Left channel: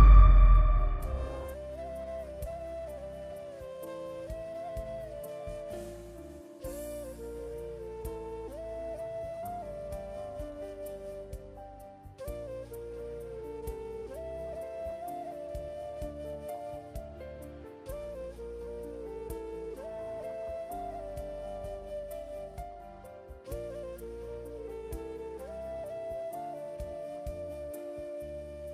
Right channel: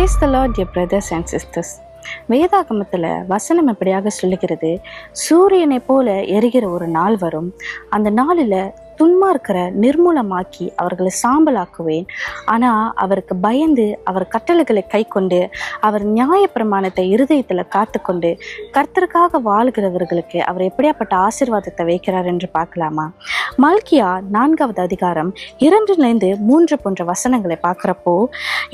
Praise the Lord, dear brothers and sisters. வேதாகமத்தில் வசனம் எப்படியாக சொல்லுகிறது, சூரியனை போல எரிகிற ஒரு நாள் வரும், அந்த நாளில் துன்மார்க்கிற நிர்மூலமாக்கி அவர்களை சாம்பலாக்குவேன். ஆனால் அவருக்கு பயந்து அவர் கட்டளைகளை கை கொண்டு அவர் நியாயப்பிரமாணத்தை இருதயத்தில் காத்துக்கொண்டு கர்த்தருக்காக வாழ்கிறவர்களுக்கு அவர் எப்படியாப்பட்ட ஆசீர்வாதத்தை வைக்கிறார் என்று பார்க்கலாமா? மல்கியா 4வது அதிகாரம் 2-3 போன்ற வசனங்களை பார்க்குறப்போ,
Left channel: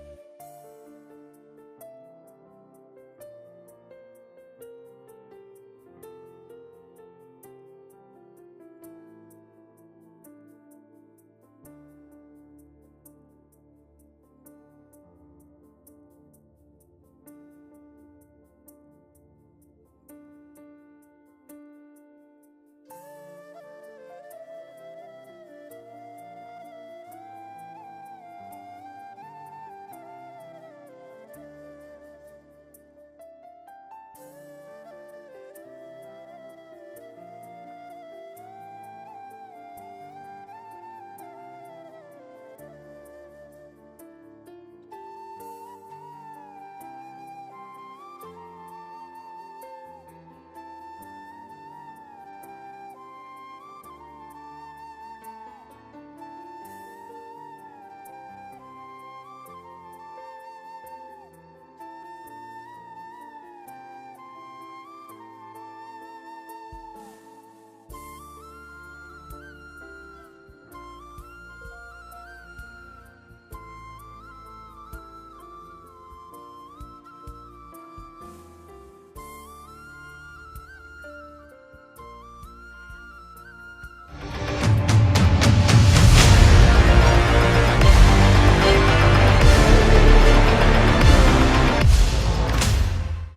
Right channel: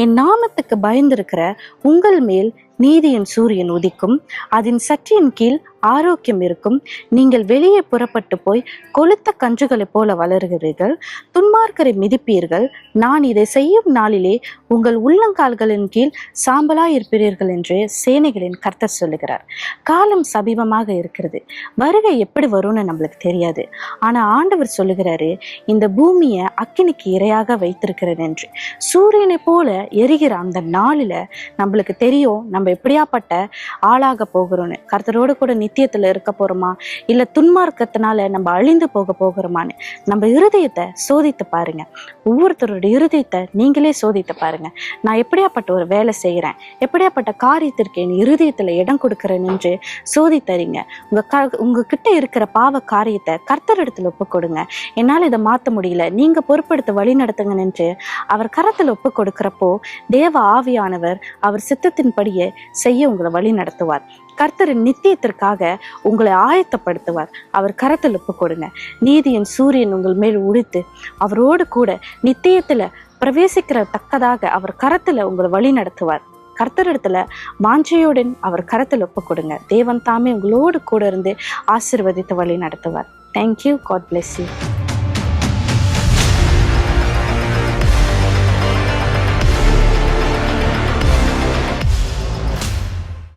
என் நாமத்துக்கு பயந்திருக்கிற உங்கள் மேல் நீதியின் சூரியன் உதிக்கும், அதன் சற்றியின் கீழ் ஆரோக்கியம் இருக்கும், நீங்கள் வெளியே புறப்பட்டு போய் கொளுத்த கன்றுகளைப் போல வளர்கிறீர்கள், துன்மார்க்கரை மிதிப்பீர்கள், நான் இதை செய்யும் நாளிலே உங்கள் உள்ளங்கால்களின் கீழ் சாம்பலாய் இருப்பீர்கள் என்று சேனைகளின் கர்த்தர் சொல்லுகிறார். காலம் சமீபமாக இருக்கிறது, வருகை எப்படி வரும்னு நம்மளுக்கு தெரியாது. ஆனால் ஆண்டவர் சொல்லுகிறாரு, இந்த பூமியை அக்கினிக்கு இரையாக வைத்திருக்கிறேன் என்று. சூரியனை போல எரிகிற அந்த நாளில் நம்மளுக்கு தெரியும் நம்ம எப்படியாப்பட்ட ஆளாக போகிறோன்னு. கர்த்தரோடு கூட நித்தியத்தில் இருக்க போகிறோமா, இல்லை துன்மார்க்கத்தினால நம்ம அழிந்து போக போகிறோமான்னு நம்ம இருதயத்தை சோதித்து பாருங்க. ஒவ்வொருத்தரோட இருதயத்தை நீங்களே சோதித்து பாருங்க. நான் எப்படியாப்பட்ட ஒரு வேலை செய்கிறேன், எப்படியாப்பட்ட காரியத்திற்கு என் இருதயத்தில் இடம் கொடுக்குறேன் என்று சோதித்தறிங்க. உங்ககிட்ட இருக்கிற பாவ காரியத்தை கர்த்தரிடத்தில் ஒப்பு கொடுங்க. என்னால் இதை மாற்ற முடியல, நீங்க பொறுப்படுத்த வழி நடத்துங்க என்று அவர் கரத்தில் ஒப்பு கொடுக்கிறப்போ தேவ ஆவியானவர் அவர் சித்தத்தின்படியே செய்ய உங்களை வழி நடத்துவார். கர்த்தரின் நித்தியத்திற்காக உங்களை ஆயத்தப்படுத்துவார். அவர் கரத்தில் ஒப்பு கொடுங்க. நீதியின் சூரியன் உங்கள் மேல் உடித்து அவரோடு கூட நித்தியத்துல பிரவேசிக்கிற தக்கதாக அவர் கரத்துல உங்களை வழி நடத்துவார். கர்த்தரிடத்துல வாஞ்சையுடன் அவர் கரத்தில் ஒப்பு கொடுங்க. தேவன் தாமே உங்களோடு கூட இருந்து ஆசீர்வதித்து வழி நடத்துவார். தேங்க்யூ. God bless you.